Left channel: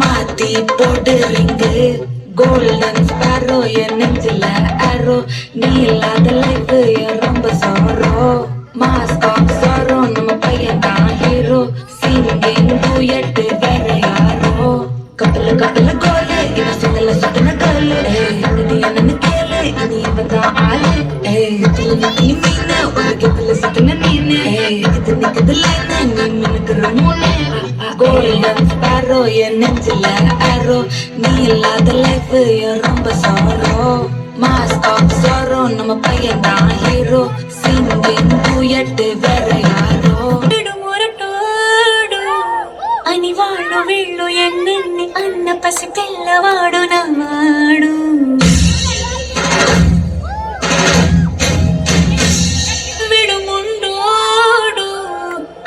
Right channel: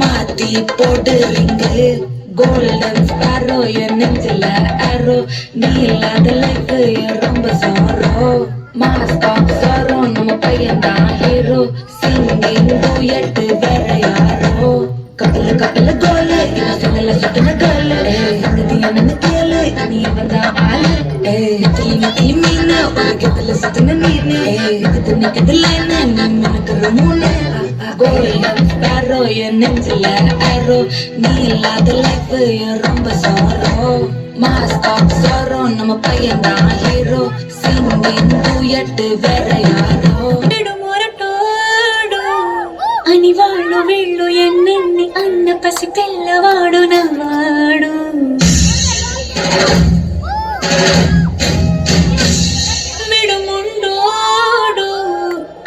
மாத்தி போடுறீங்க golden sparrow என் நெஞ்சில ஆரோ நீ இல்லாத லைஃப் ரொம்ப சாரோ மாஸ்க் ஆஃப் சாரோ நம்ம பையன் தான் ஹீரோ சிங்கிங் டூயட் வேற யாரோ கப்பல கப்பல கோலு இவன் சொல்லல சுட்டின கோலு சங்கதி என்னன்னு கேளு இனி இவன் தான் ஆளு நிக்கி மீன் உலகத்துல சுத்தின நீனு இது லைன் நீ மினுக்குற மூளை கோல்டன் ஸ்பாரோ என் நெஞ்சில ஆரோ நீ இல்லாத லைஃப் ரொம்ப சாரோ மாஸ்க் ஆஃப் சாரோ நம்ம பையன் தான் ஹீரோ சிங்கிங் டூயட் வேற யாரோ అని వాళ్ళు వీళ్ళు ఎన్నెన్ని అన్న పసి పిల్లవాడు నవ్వాడు విడుముండోడు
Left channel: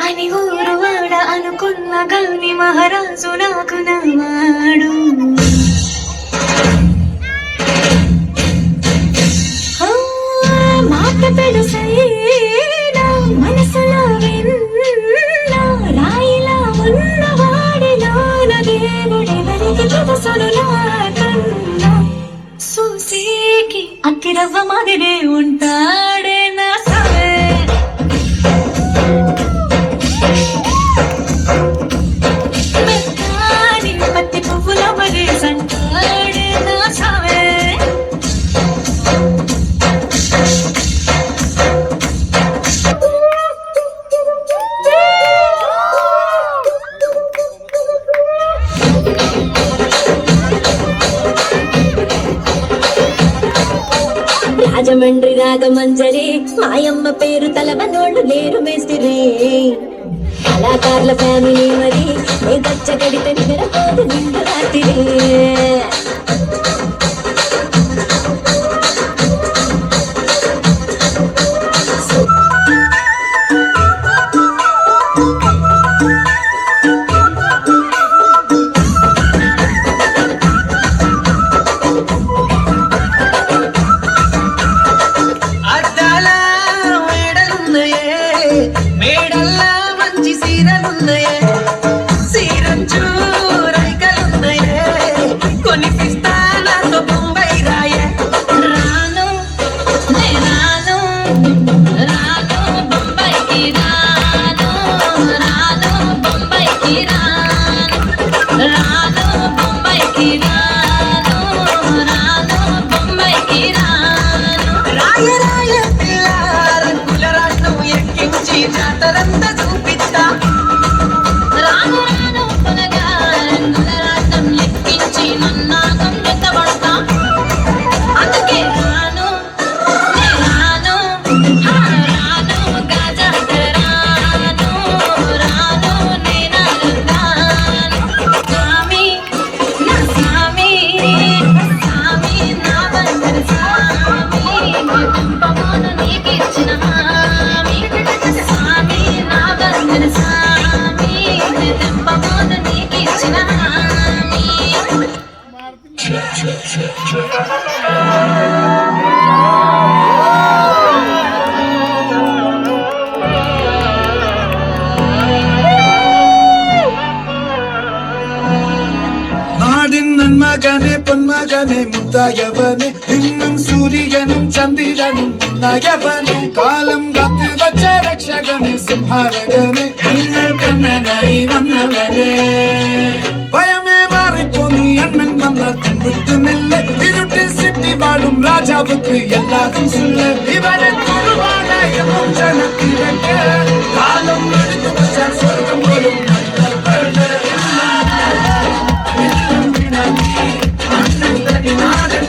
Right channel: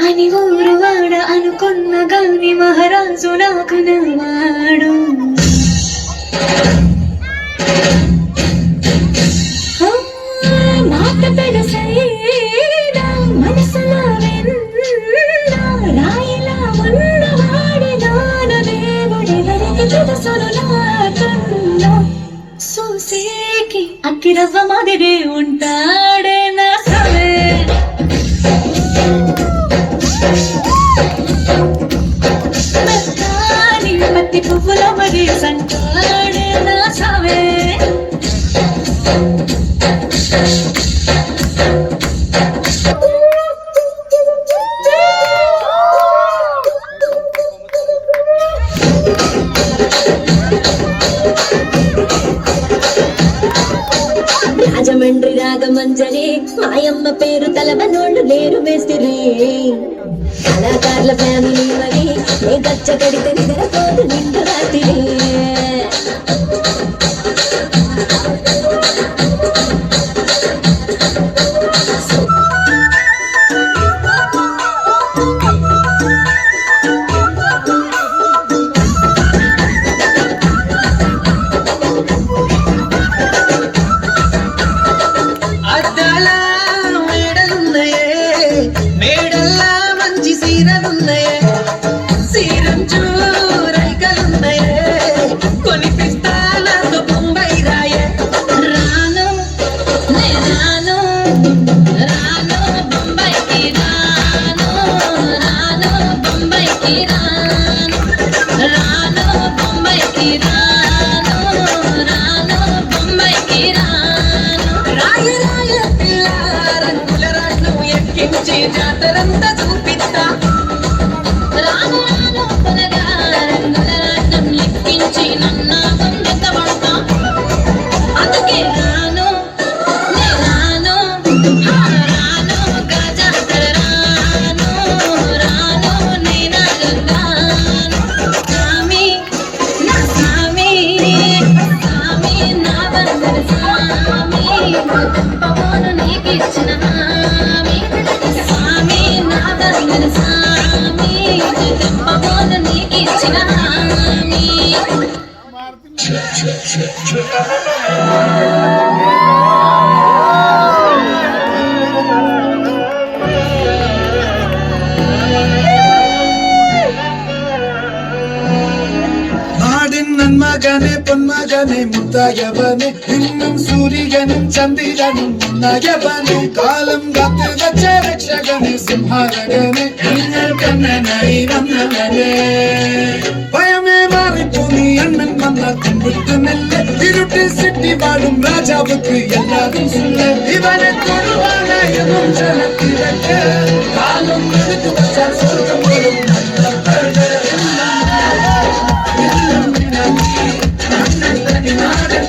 అని ఊరు వాడ అనుకున్న గల్లి మహారాజు నాకు నవ్వాడు మాట పెడసైనా మనసులో వెన్నా రాయిలా ఉన్నవాడి నాన దేవుడెవరికి తెలుసును నాకన్నా సూసేకి అతిరవ్వ మాదిరే ఉంటాడే నా సవే మెత్తాని మట్టి పువ్వుల మది సంటాడే నా సవే రాజమండ్రి రాగమంజరి మాయమ్మ పేరు తలవనోళ్ళు లేరు మేస్తిరి కళాకారుల ఫ్యామిలీ మరి నే గచ్చ కడితే నిద్రపోదు నిండు రాత్రి జాతరంతా చూపిస్తా రాను రాను కొనగా రంగులరాటం ఎక్కించి నన్నాగం వెతబడతా అందుకే రాను నే రాను రాను గాజాతర రాను రాను నే రాను సామి నా సామి సామి నా బందరు సామి కంపమోను నీకిచ్చిన హామీ సామి నా బందరు సామి కంపమోను నీకిచ్చిన హామీ നാടിൻ നന്മകനെ പൊന്മകനെ മുത്തായവനെ ഇന്നും സൂര്യനും ചന്ദ്രനും നയവനെ കാലം കാത്തു വച്ച രക്ഷകനെ സംഹാരകനെ നിങ്ങൾ കണ്ണനായി വന്നവനെ ഭയമേ മാറിപ്പോന്നി എണ്ണൻ വന്ന തുമ്പുത്തുമില്ല ഇരുട്ടിൽ സിറ്റി വാഴും രാജാവുക്ക് എല്ലാതും സുല്ല ഇവരെ തൊടുവാണയവും ജനത്തിരക്ക് കാലം എടുത്തു വച്ചാൽ സ്വർഗം പോലും നാടൻ